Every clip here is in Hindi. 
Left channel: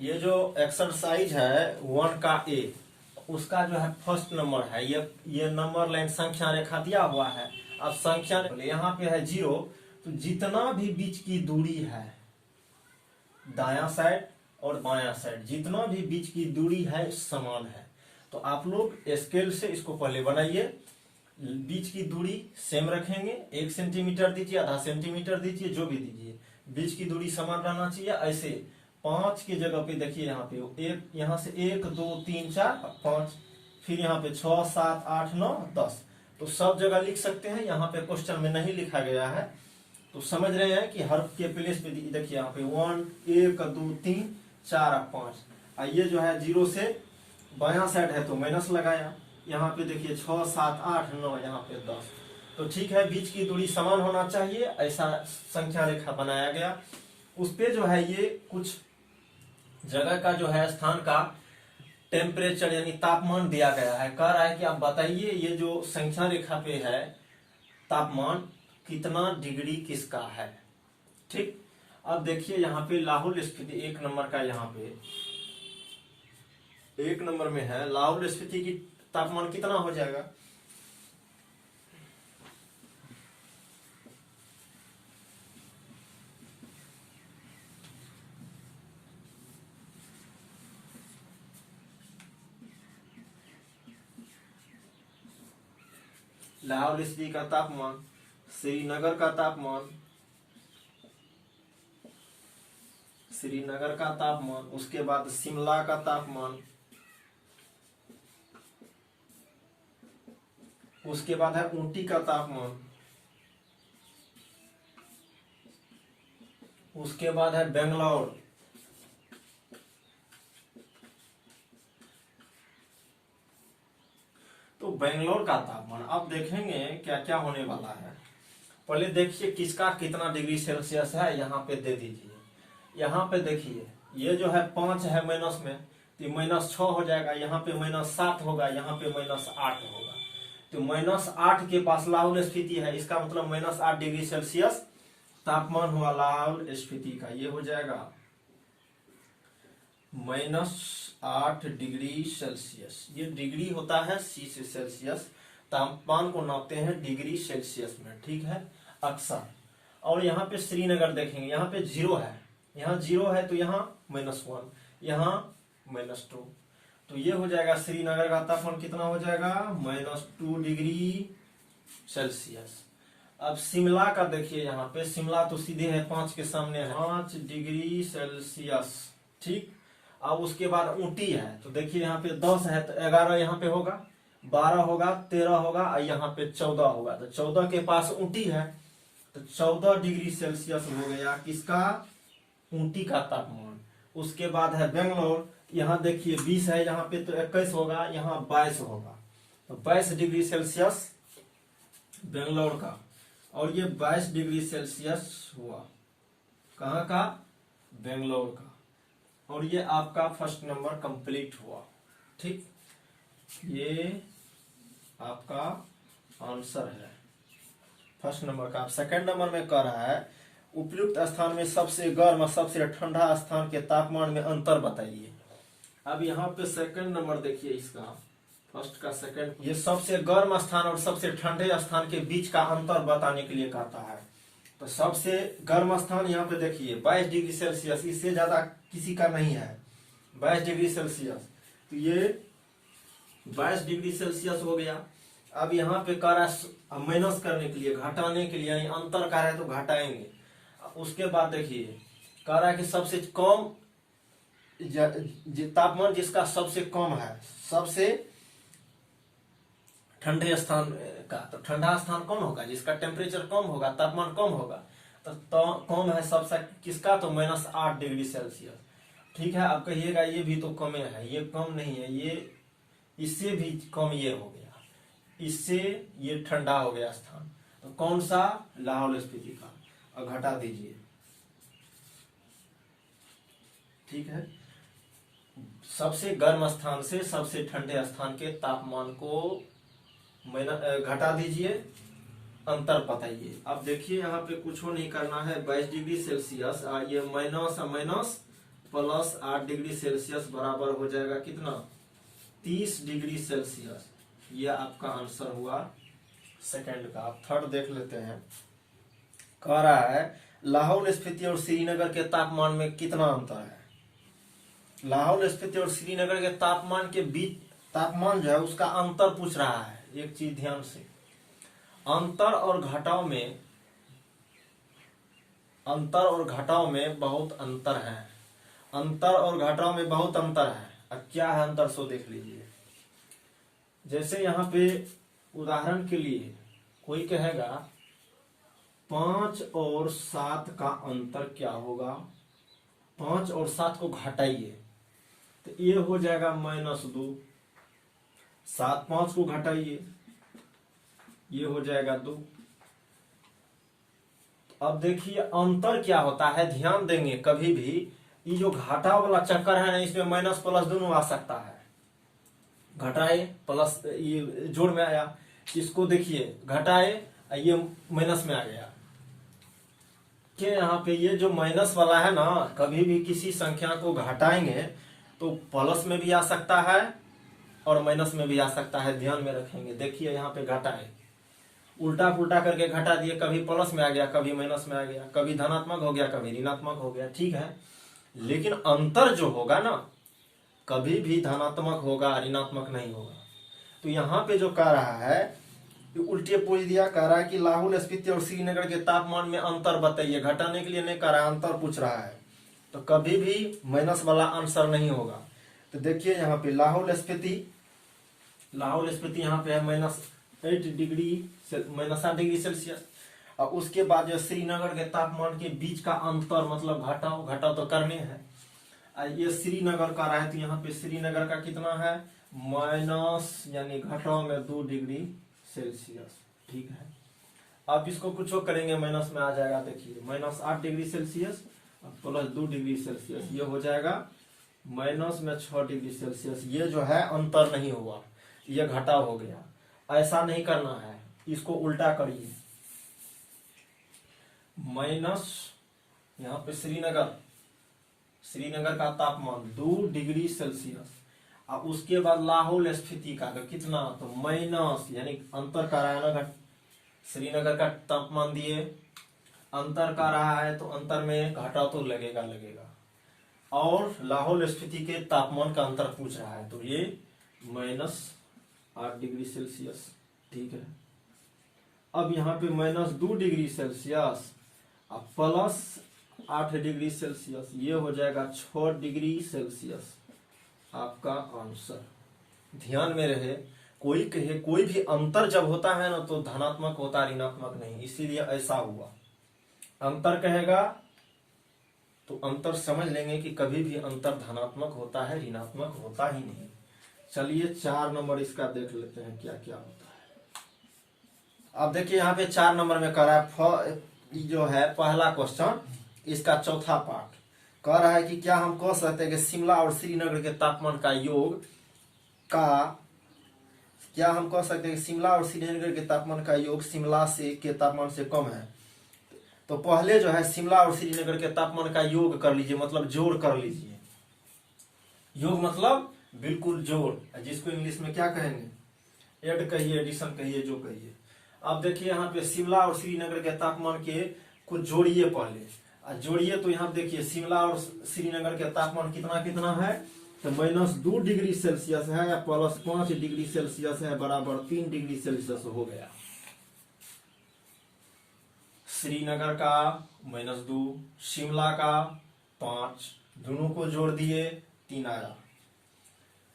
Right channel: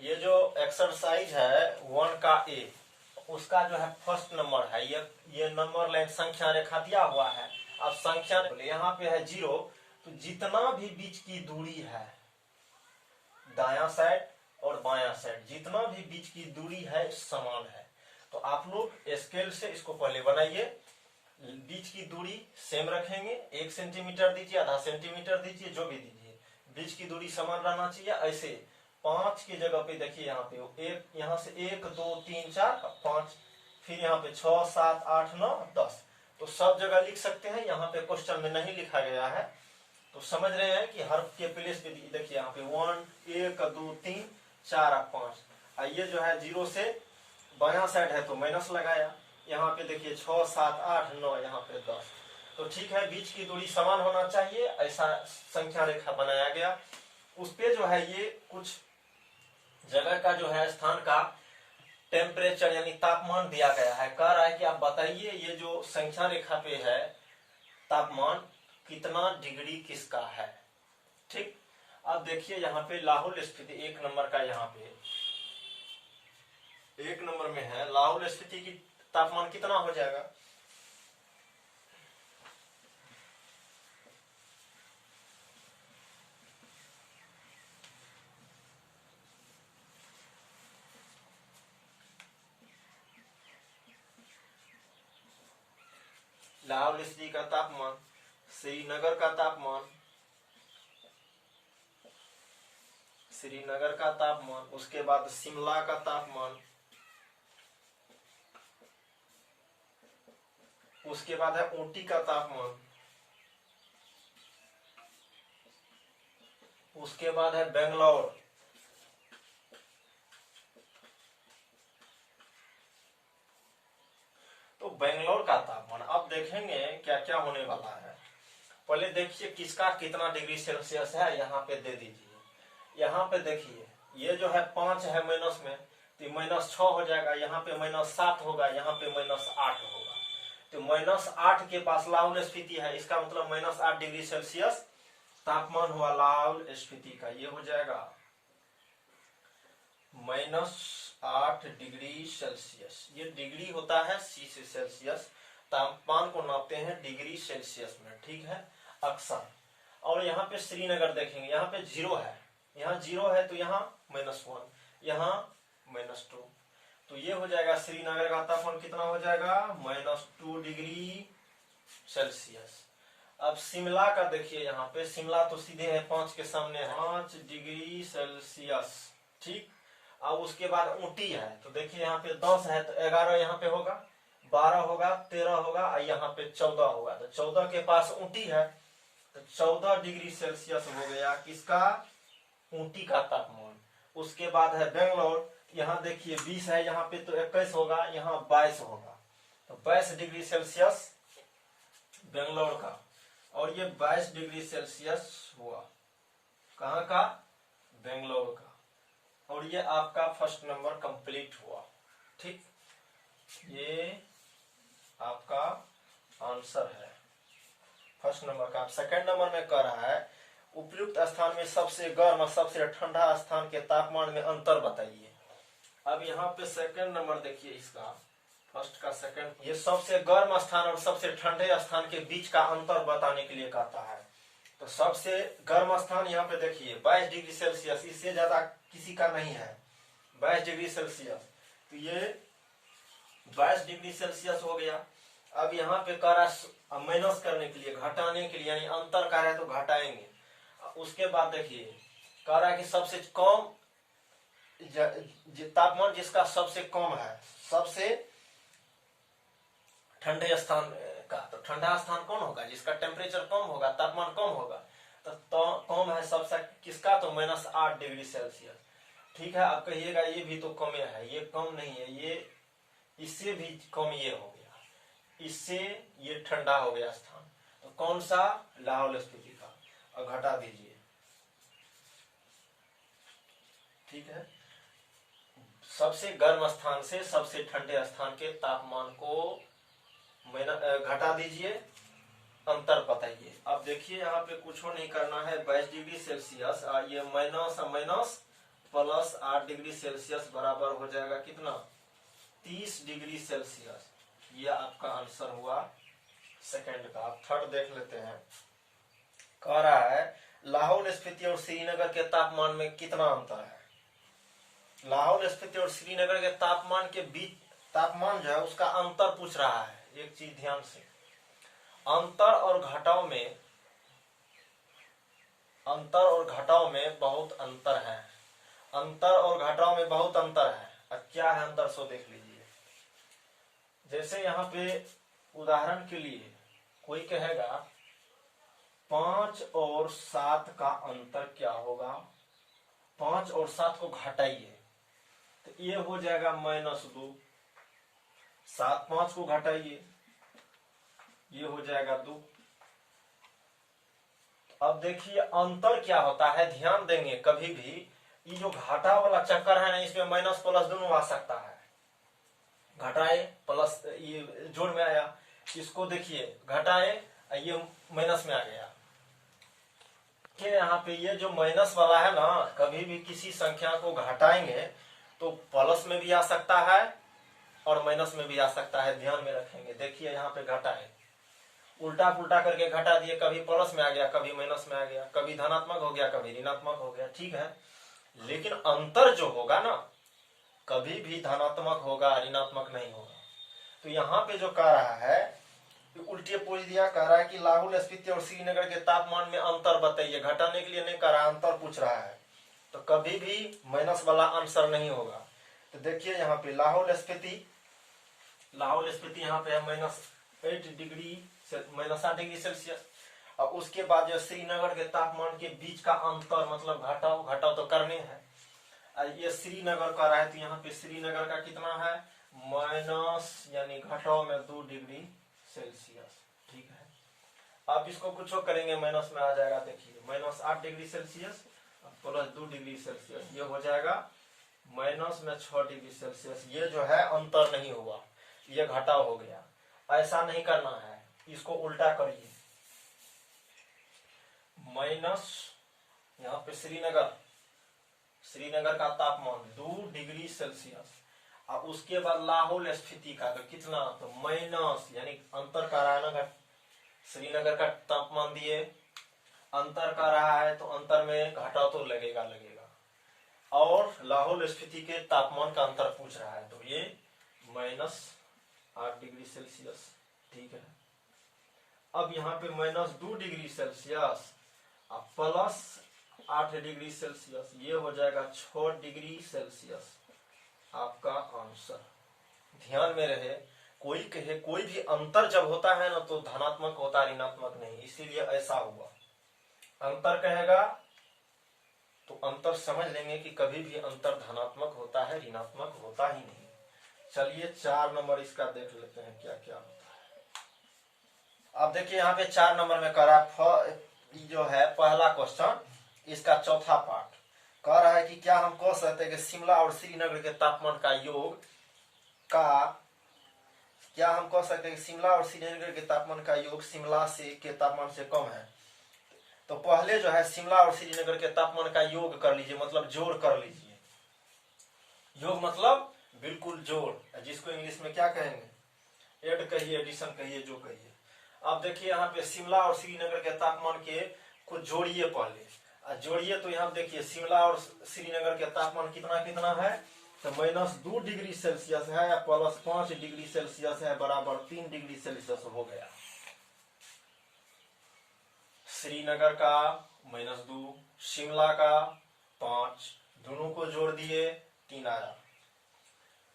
ये जो एक्सरसाइज है 1 का ए, उसका जो है फर्स्ट नंबर है। ये नंबर लाइन संख्या रेखा दिया हुआ है। अब संख्या यहाँ पे है 0, तो जितना भी बीच की दूरी है दायां साइड और बायां साइड, जितना भी बीच की दूरी है समान है। तो आप लोग स्केल से इसको पहले बनाइए। बीच की दूरी सेम रखेंगे, 1 सेंटीमीटर दीजिए, आधा सेंटीमीटर दीजिए, जो भी दीजिए, बीच की दूरी समान रहना चाहिए। ऐसे 5 की जगह पे देखिए यहाँ पे एक, यहाँ से 1 2 3 4 5, फिर यहाँ पे 6 7 8 9 10, तो सब जगह लिख सकते हैं। यहाँ पे क्वेश्चन में नहीं लिखा गया है, तो समझ रहे हैं कि हर के प्लेस पे देखिए यहाँ पे 1 2 3 4 5। ये जो है 0 से बायां साइड है तो माइनस लगाया। यहाँ पे देखिए 6 7 8 9, यहाँ पे 10। तो ठीक है, बीच की दूरी समान होना चाहिए, ऐसा संख्या रेखा बनाया गया। उस पे जो है ये कुछ जगह का जो है स्थान का टेम्परेचर यानी तापमान दिया गया है। कह रहा है कि आप बताइए ये जो संख्या रेखा पे है तापमान कितना डिग्री किसका है। ठीक, अब देखिए यहाँ पे लाहौल स्पीति 1 नंबर का, यहाँ पे 1 नंबर में है लाहौल स्पीति की तापमान कितना हो जाएगा। लाहौल स्पीति का तापमान, श्रीनगर का तापमान, श्रीनगर का तापमान, उसके बाद शिमला का तापमान, उसके बाद है ऊटी का तापमान, उसके बाद है बेंगलोर, तो बेंगलोर का तापमान अब देखेंगे क्या क्या होने वाला है। पहले देखिए किसका कितना डिग्री सेल्सियस है, यहाँ पे दे दीजिए। यहाँ पे देखिए ये जो है 5 है माइनस में, तो -6 हो जाएगा। यहाँ पे -7 होगा, यहाँ पे -8 होगा। तो -8 के पास लाहौल स्पीति है, इसका मतलब -8 डिग्री सेल्सियस तापमान हुआ लाहौल स्पीति का। ये हो जाएगा -8 डिग्री सेल्सियस। ये डिग्री होता है सी से सेल्सियस, तापमान को नापते हैं डिग्री सेल्सियस में, ठीक है, अक्सर। और यहाँ पे श्रीनगर देखेंगे, यहाँ पे 0 है, यहाँ 0 है तो यहाँ -1, यहाँ -2, तो ये हो जाएगा श्रीनगर का तापमान कितना हो जाएगा -2 डिग्री सेल्सियस। अब शिमला का देखिए, यहाँ पे शिमला तो सीधे है 5 के सामने है, 5 डिग्री सेल्सियस, ठीक। अब उसके बाद ऊटी है, तो देखिए यहाँ पे 10 है तो 11 यहाँ पे होगा, 12 होगा, 13 होगा और यहाँ पे 14 होगा। तो 14 के पास ऊटी है, तो 14 डिग्री सेल्सियस हो गया किसका, ऊटी का तापमान। उसके बाद है बेंगलोर, यहाँ देखिए 20 है, यहाँ पे तो 21 होगा, यहाँ 22 होगा, तो 22 डिग्री सेल्सियस बेंगलोर का। और ये 22 डिग्री सेल्सियस हुआ कहाँ का, बेंगलोर का। और ये आपका फर्स्ट नंबर कंप्लीट हुआ, ठीक। ये आपका आंसर है फर्स्ट नंबर का। सेकंड नंबर में कह रहा है उपयुक्त स्थान में सबसे गर्म और सबसे ठंडा स्थान के तापमान में अंतर बताइए। अब यहाँ पे सेकंड नंबर देखिए इसका, फर्स्ट का सेकंड, ये सबसे गर्म स्थान और सबसे ठंडे स्थान के बीच का अंतर बताने के लिए कहता है। तो सबसे गर्म स्थान यहाँ पे देखिए 22 डिग्री सेल्सियस, इससे ज्यादा किसी का नहीं है 22 डिग्री सेल्सियस, तो ये 22 डिग्री सेल्सियस हो गया। अब यहाँ पे कह रहा है माइनस करने के लिए, घटाने के लिए, यानी अंतर कर रहा है तो घटाएंगे। उसके बाद देखिए कह रहा है कि सबसे कम तापमान जिसका सबसे कम है, सबसे ठंडे स्थान का, तो ठंडा स्थान कौन होगा, जिसका टेम्परेचर कम होगा, तापमान कम होगा, तो कम है सबसे किसका, तो -8 डिग्री सेल्सियस, ठीक है। आप कहिएगा ये भी तो कम है, ये कम नहीं है, ये इससे भी कम ये हो गया, इससे ये ठंडा हो गया स्थान, तो कौन सा, लाहौल स्पीति का, और घटा दीजिए, ठीक है। सबसे गर्म स्थान से सबसे ठंडे स्थान के तापमान को घटा दीजिए, अंतर बताइए। अब देखिए यहाँ पे कुछ नहीं करना है, 22 डिग्री सेल्सियस, ये माइनस प्लस 8 डिग्री सेल्सियस बराबर हो जाएगा कितना, 30 डिग्री सेल्सियस। ये आपका आंसर हुआ सेकंड का। आप थर्ड देख लेते हैं। कह रहा है लाहौल स्फीति और श्रीनगर के तापमान में कितना अंतर है। लाहौल स्फीति और श्रीनगर के तापमान के बीच, तापमान जो है उसका अंतर पूछ रहा है। एक चीज ध्यान से, अंतर और घटाव में, अंतर और घटाव में बहुत अंतर है। अंतर और घटाव में बहुत अंतर है। अब क्या है अंतर, सो देख लीजिए। जैसे यहाँ पे उदाहरण के लिए कोई कहेगा 5 और 7 का अंतर क्या होगा, 5 और 7 को घटाइए तो ये हो जाएगा -2। 7 5 को घटाइए, ये हो जाएगा 2। अब देखिए अंतर क्या होता है, ध्यान देंगे कभी भी ये जो घटा वाला चक्कर है ना, इसमें माइनस प्लस दोनों आ सकता है। घटाए प्लस, ये जोड़ में आया, इसको देखिए घटाए ये माइनस में आ गया। कि यहाँ पे ये जो माइनस वाला है ना, कभी भी किसी संख्या को घटाएंगे तो प्लस में भी आ सकता है और माइनस में भी आ सकता है। ध्यान में रखेंगे। देखिए यहाँ पे घटाए, उल्टा पुल्टा करके घटा दिए, कभी प्लस में आ गया, कभी माइनस में आ गया, कभी धनात्मक हो गया, कभी ऋणात्मक हो गया। ठीक है, लेकिन अंतर जो होगा ना, कभी भी धनात्मक होगा, ऋणात्मक नहीं होगा। तो यहाँ पे जो कह रहा है उल्टे पूछ दिया, कह रहा है कि लाहौल स्फीति और श्रीनगर के तापमान में अंतर बताइए। घटाने के लिए नहीं कह रहा, अंतर पूछ रहा है, तो कभी भी माइनस वाला आंसर नहीं होगा। तो देखिए यहाँ पे लाहौल स्फीति यहाँ पे है -8 डिग्री सेल्सियस। और उसके बाद जो श्रीनगर के तापमान के बीच का अंतर, मतलब घटाव तो करने हैं। ये श्रीनगर का रहा है, तो यहाँ पे श्रीनगर का कितना है, माइनस यानी घटाव में 2 डिग्री सेल्सियस। ठीक है, अब इसको कुछ करेंगे माइनस में आ जाएगा। देखिए -8 degree Celsius plus 2 degree Celsius, ये हो जाएगा -6 डिग्री सेल्सियस। ये जो है अंतर नहीं हुआ, ये घटाव हो गया। ऐसा नहीं करना है, इसको उल्टा करिए। माइनस यहाँ पे श्रीनगर का तापमान 2 डिग्री सेल्सियस, और उसके बाद लाहौल स्फीति का तो कितना, तो माइनस यानी अंतर कर रहा है ना, श्रीनगर का तापमान दिए, अंतर कर रहा है तो अंतर में घटाव तो लगेगा, और लाहौल स्फीति के तापमान का अंतर पूछ रहा है, तो ये -8 डिग्री सेल्सियस। ठीक है, अब यहाँ पे -2 डिग्री सेल्सियस और +8 डिग्री सेल्सियस, ये हो जाएगा 6 डिग्री सेल्सियस आपका आंसर। ध्यान में रहे, कोई कहे कोई भी अंतर जब होता है ना तो धनात्मक होता है, ऋणात्मक नहीं, इसीलिए ऐसा हुआ। अंतर कहेगा तो अंतर समझ लेंगे कि कभी भी अंतर धनात्मक होता है, ऋणात्मक होता ही नहीं। चलिए 4 नंबर इसका देख लेते हैं क्या क्या होता है। अब देखिए यहाँ पे 4 नंबर में कह रहा है, जो है पहला क्वेश्चन, इसका चौथा पार्ट कह रहा है कि क्या हम कह सकते हैं कि शिमला और श्रीनगर के तापमान का योग क्या हम कह सकते हैं कि शिमला और श्रीनगर के तापमान का योग शिमला के तापमान से कम है। तो पहले जो है शिमला और श्रीनगर के तापमान का योग कर लीजिए, मतलब जोड़ कर लीजिए। योग मतलब बिल्कुल जोड़, जिसको इंग्लिश में क्या कहेंगे, एड कहिए, एडिशन कहिए, जो कहिए। अब देखिए यहाँ पे शिमला और श्रीनगर के तापमान के को जोड़िए पहले, जोड़िए तो यहाँ देखिए शिमला और श्रीनगर के तापमान कितना कितना है, तो -2 डिग्री सेल्सियस है या +5 डिग्री सेल्सियस है, बराबर 3 डिग्री सेल्सियस हो गया। श्रीनगर का -2, शिमला का 5, दोनों को जोड़ दिए 3 आया,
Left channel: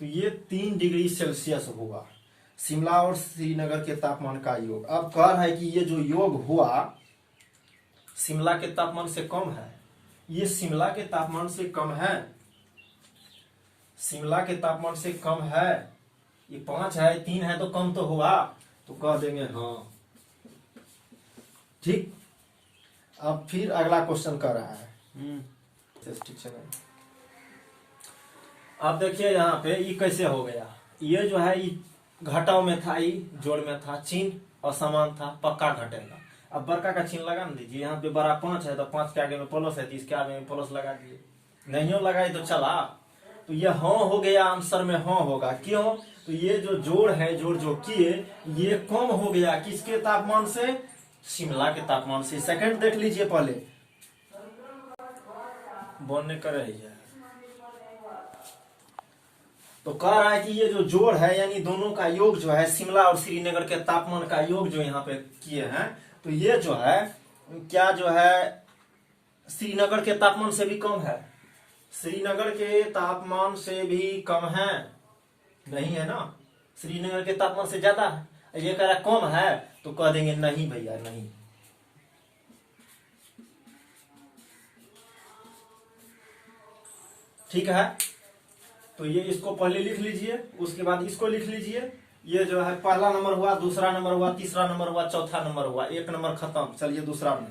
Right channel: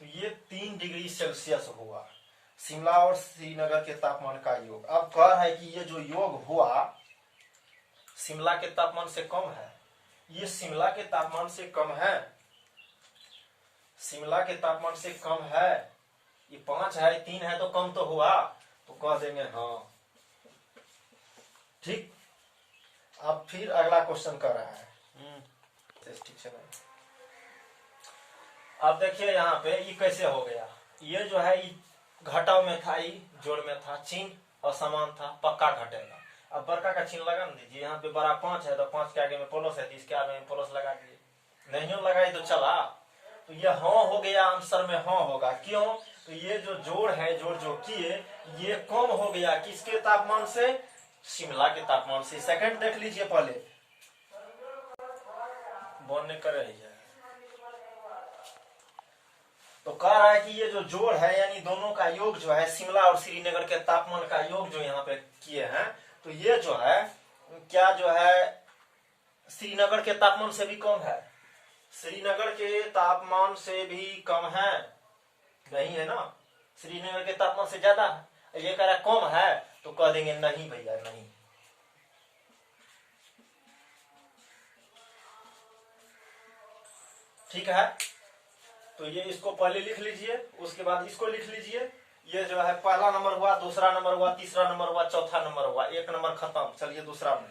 तो ये 3 डिग्री सेल्सियस होगा शिमला और श्रीनगर के तापमान का योग। अब कह रहा है कि ये जो योग हुआ शिमला के तापमान से कम है, ये शिमला के तापमान से कम है, शिमला के तापमान से कम है, ये 5 है, 3 है, तो कम तो हुआ, तो कह देंगे हाँ। ठीक, अब फिर अगला क्वेश्चन कर रहा है। ठीक है, अब देखिए यहाँ पे ये कैसे हो गया, ये जो है ये घटाव में था, ये जोड़ में था, चिन्ह असमान था, पक्का घटेगा। अब बड़का का चिन्ह लगा ना दीजिए, यहाँ पे बड़ा 5 है तो 5 के आगे में प्लस है, तो इसके आगे में प्लस लगा दिए। नहीं हो लगाई तो चला। तो ये हाँ हो गया, आंसर में हाँ होगा। क्यों? तो ये जो जोड़ है, जोड़ जो किए, ये कम हो गया किसके तापमान से? शिमला के तापमान से। सेकंड देख लीजिए पहले, बनने करे है। तो कह रहा है कि ये जो जोड़ है यानी दोनों का योग जो है, शिमला और श्रीनगर के तापमान का योग जो यहाँ पे किए हैं, तो ये जो है क्या जो है श्रीनगर के तापमान से भी कम है। श्रीनगर के तापमान से भी कम है? नहीं है ना, श्रीनगर के तापमान से ज्यादा है। ये कह रहा कम है, तो कह देंगे नहीं भैया नहीं। ठीक है, तो ये इसको पहले लिख लीजिए, उसके बाद इसको लिख लीजिए। ये जो है पहला नंबर हुआ, दूसरा नंबर हुआ, तीसरा नंबर हुआ, चौथा नंबर हुआ, एक नंबर खत्म। चलिए दूसरा में